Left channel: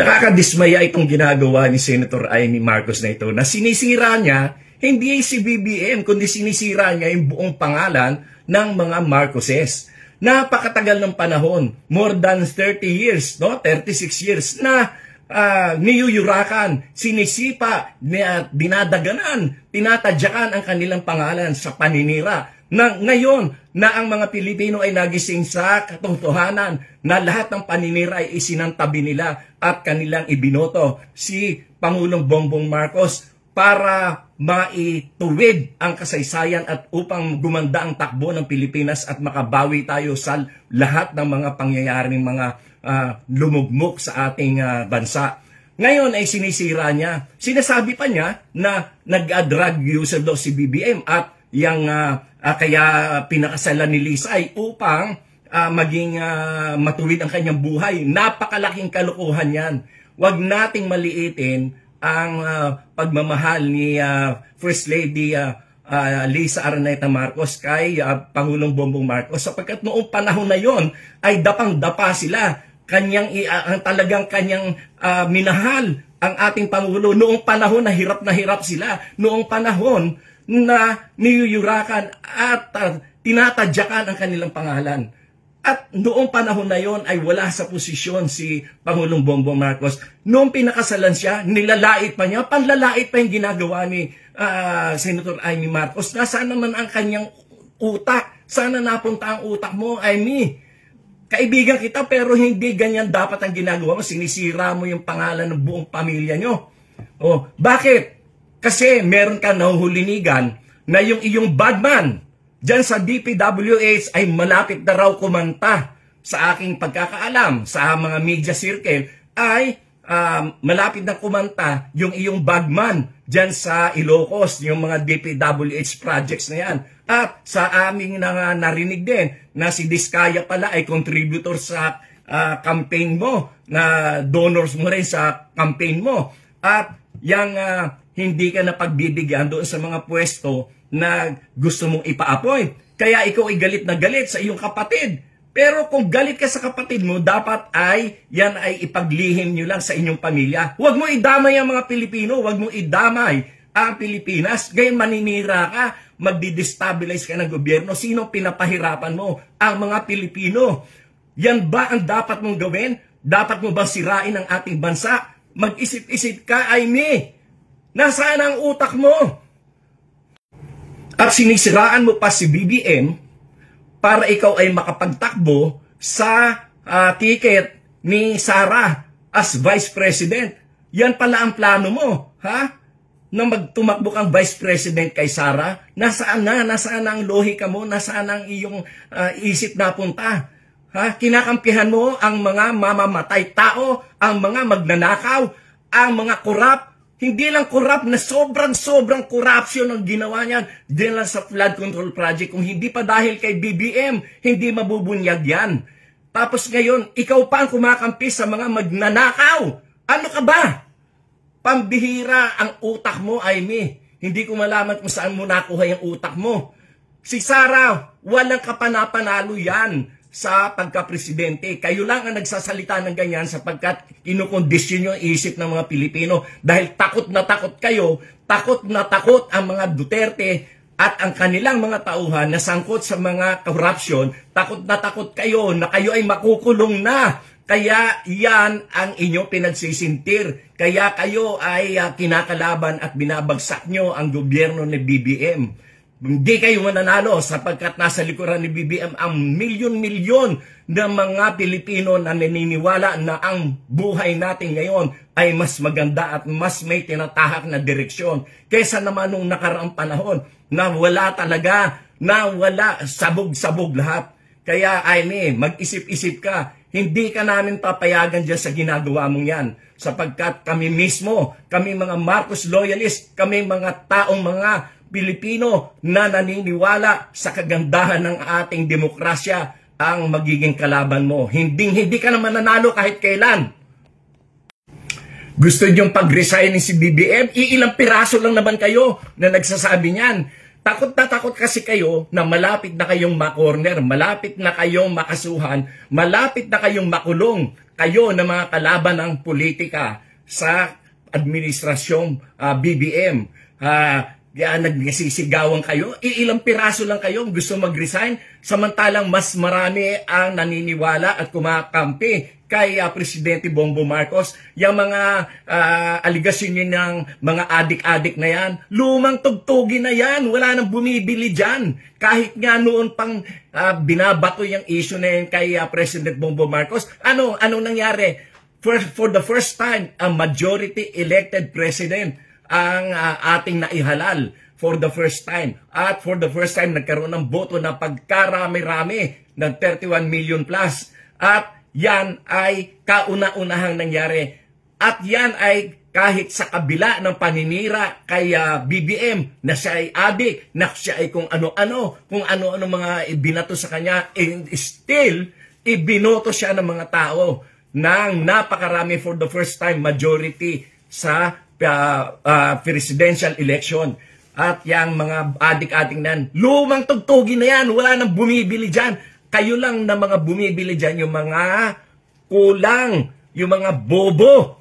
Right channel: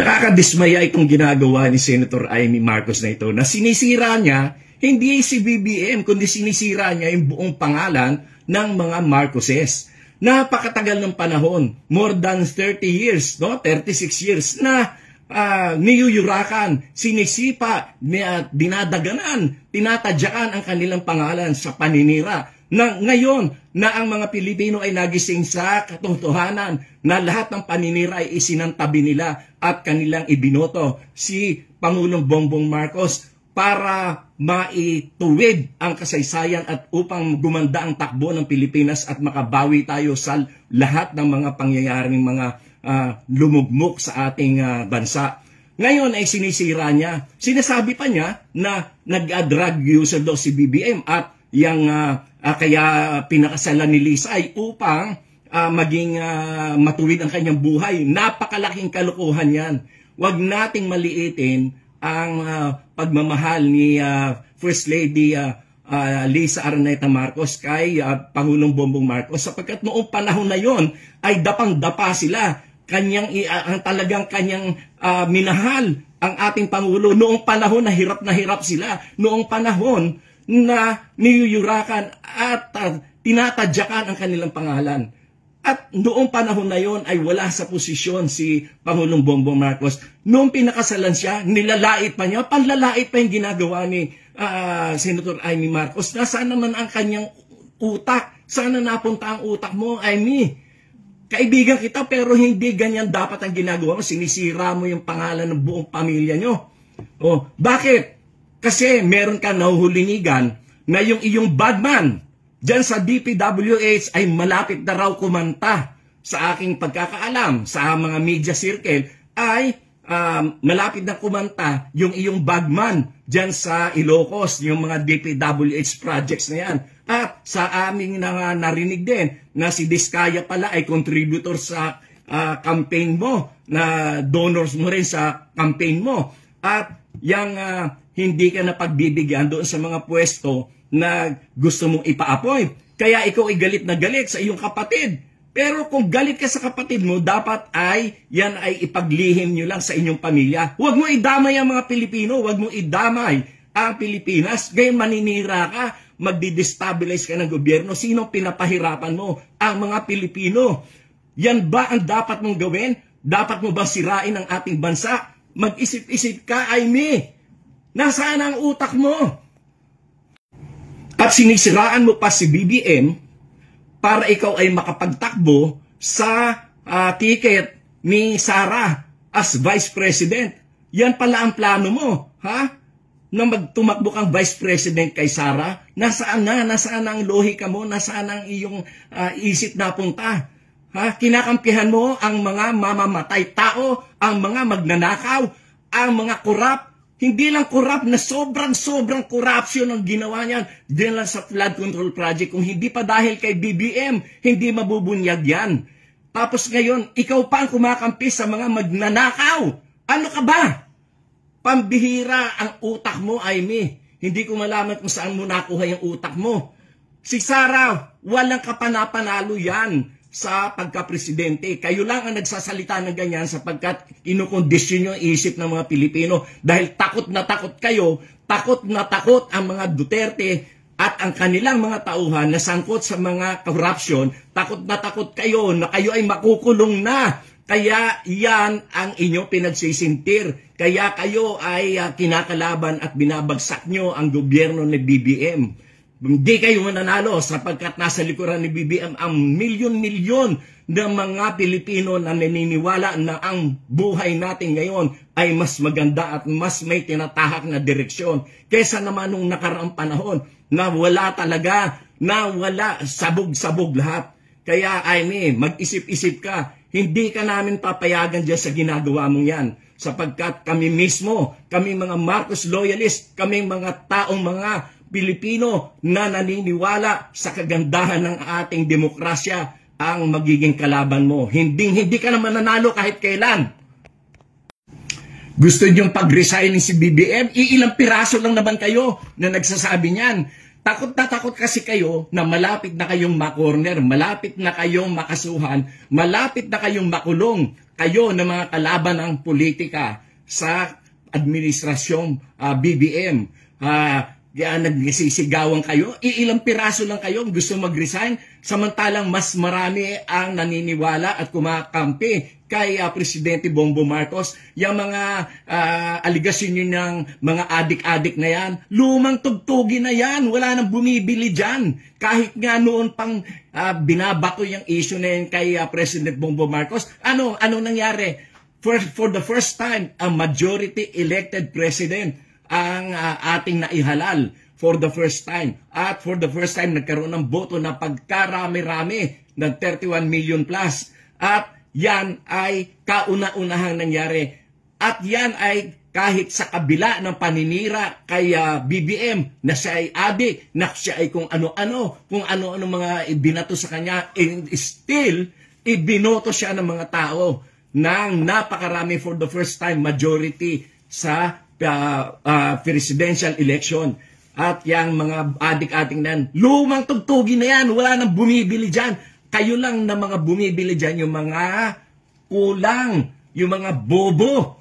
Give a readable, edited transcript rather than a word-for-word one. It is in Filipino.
Nakakadismaya itong ginagawa ni Senator Amy Marcos na ito na sinisira niya hindi si BBM kundi sinisira niya yung buong pangalan ng mga Marcoses. Napakatagal ng panahon, more than 30 years, no? 36 years na niyuyurakan, sinisipa, dinadaganan, tinatadyakan ang kanilang pangalan sa paninira. Na ngayon na ang mga Pilipino ay nagising sa katotohanan na lahat ng paninira ay isinantabi nila at kanilang ibinoto si Pangulong Bongbong Marcos para maituwid ang kasaysayan at upang gumanda ang takbo ng Pilipinas at makabawi tayo sa lahat ng mga pangyayaring mga lumugmok sa ating bansa. Ngayon ay sinisira niya. Sinasabi pa niya na nag-drug user daw si BBM at yang kaya pinakasalan ni Lisa ay upang maging matuwid ang kanyang buhay. Napakalaking kalokohan yan. Huwag nating maliitin ang pagmamahal ni First Lady Lisa Araneta Marcos kay Pangulong Bongbong Marcos sapagkat noong panahon na yon ay dapang-dapa sila. Talagang kanyang minahal ang ating Pangulo noong panahon na hirap sila. Noong panahon na niyuyurakan at tinatadyakan ang kanilang pangalan. At noong panahon na yon ay wala sa posisyon si Pangulong Bongbong Marcos. Noong pinakasalan siya, nilalait pa niya, panlalait pa yung ginagawa ni Senator Amy Marcos. Nasaan naman ang kanyang utak? Sana napunta ang utak mo, Amy? Kaibigan kita pero hindi ganyan dapat ang ginagawa mo. Sinisira mo yung pangalan ng buong pamilya nyo. Oh, bakit? Kasi meron ka nahuhulinigan na yung iyong badman dyan sa DPWH ay malapit na raw kumanta sa aking pagkakaalam sa mga media circle ay malapit na kumanta yung iyong bagman dyan sa Ilocos, yung mga DPWH projects na yan. At sa aming narinig din na si Diskaya pala ay contributor sa campaign mo, na donors mo rin sa campaign mo. At yung hindi ka na pagbibigyan doon sa mga pwesto na gusto mong ipa-appoint. Kaya ikaw ay galit na galit sa iyong kapatid. Pero kung galit ka sa kapatid mo, dapat ay yan ay ipaglihim nyo lang sa inyong pamilya. Huwag mo idamay ang mga Pilipino, huwag mo idamay ang Pilipinas. Ngayon maninira ka, magdi-destabilize ka ng gobyerno. Sino pinapahirapan mo? Ang mga Pilipino. Yan ba ang dapat mong gawin? Dapat mo ba sirain ang ating bansa? Mag-isip-isip ka, Amy. Nasaan ang utak mo? At sinisiraan mo pa si BBM para ikaw ay makapagtakbo sa ticket ni Sara as Vice President. Yan pala ang plano mo, ha? Na magtumakbo kang Vice President kay Sara. Nasaan na? Nasaan ang lohika mo? Nasaan ang iyong isip na punta? Ha? Kinakampihan mo ang mga mamamatay tao, ang mga magnanakaw, ang mga korap. Hindi lang korap na sobrang corruption ang ginawa niyan. Diyan lang sa flood control project. Kung hindi pa dahil kay BBM, hindi mabubunyag yan. Tapos ngayon, ikaw pa ang kumakampi sa mga magnanakaw. Ano ka ba? Pambihira ang utak mo, Amy. Hindi ko malaman kung saan mo nakuha yung utak mo. Si Sara, walang kapanapanalo yan sa pagka-presidente. Kayo lang ang nagsasalita ng ganyan sapagkat kinukondisyon nyo ang isip ng mga Pilipino dahil takot na takot kayo, takot na takot ang mga Duterte at ang kanilang mga tauhan na sangkot sa mga corruption, takot na takot kayo na kayo ay makukulong na. Kaya yan ang inyong pinagsisintir. Kaya kayo ay kinakalaban at binabagsak nyo ang gobyerno ni BBM. Hindi kayo mananalo sapagkat nasa likuran ni BBM ang milyon-milyon na mga Pilipino na naniniwala na ang buhay natin ngayon ay mas maganda at mas may tinatahak na direksyon kaysa naman nung nakaraang panahon na wala talaga, na wala, sabog-sabog lahat. Kaya Amy, mag-isip-isip ka. Hindi ka namin papayagan dyan sa ginagawa mong yan sapagkat kami mismo, kami mga Marcos loyalist, kami mga taong mga Pilipino na naniniwala sa kagandahan ng ating demokrasya ang magiging kalaban mo. Hindi ka naman nanalo kahit kailan. Gusto niyong pag-resign si BBM? Iilang piraso lang naman kayo na nagsasabi niyan. Takot na takot kasi kayo na malapit na kayong makorner, malapit na kayong makasuhan, malapit na kayong makulong. kayo na mga kalaban ng politika sa administrasyong BBM. Nagsisigawan kayo, ilang piraso lang kayo gusto mag-resign, samantalang mas marami ang naniniwala at kumakampi kay Presidente Bongbong Marcos. Yung mga aligasyon yun ng mga adik-adik na yan, lumang tugtugi na yan, wala nang bumibili dyan. Kahit nga noon pang binabato yung issue na yan kay President Bongbong Marcos, ano nangyari? For the first time, a majority elected president ang ating naihalal for the first time. At for the first time, nagkaroon ng boto na pagkarami-rami ng 31 million plus. At yan ay kauna-unahang nangyari. At yan ay kahit sa kabila ng paninira kay BBM na siya ay adik, na siya ay kung ano-ano mga ibinato sa kanya, and still, ibinoto siya ng mga tao ng napakarami for the first time majority sa presidential election. At yung mga adik-adik nan, lumang tugtugi na yan, wala nang bumibili dyan. Kayo lang na mga bumibili dyan, yung mga kulang, yung mga bobo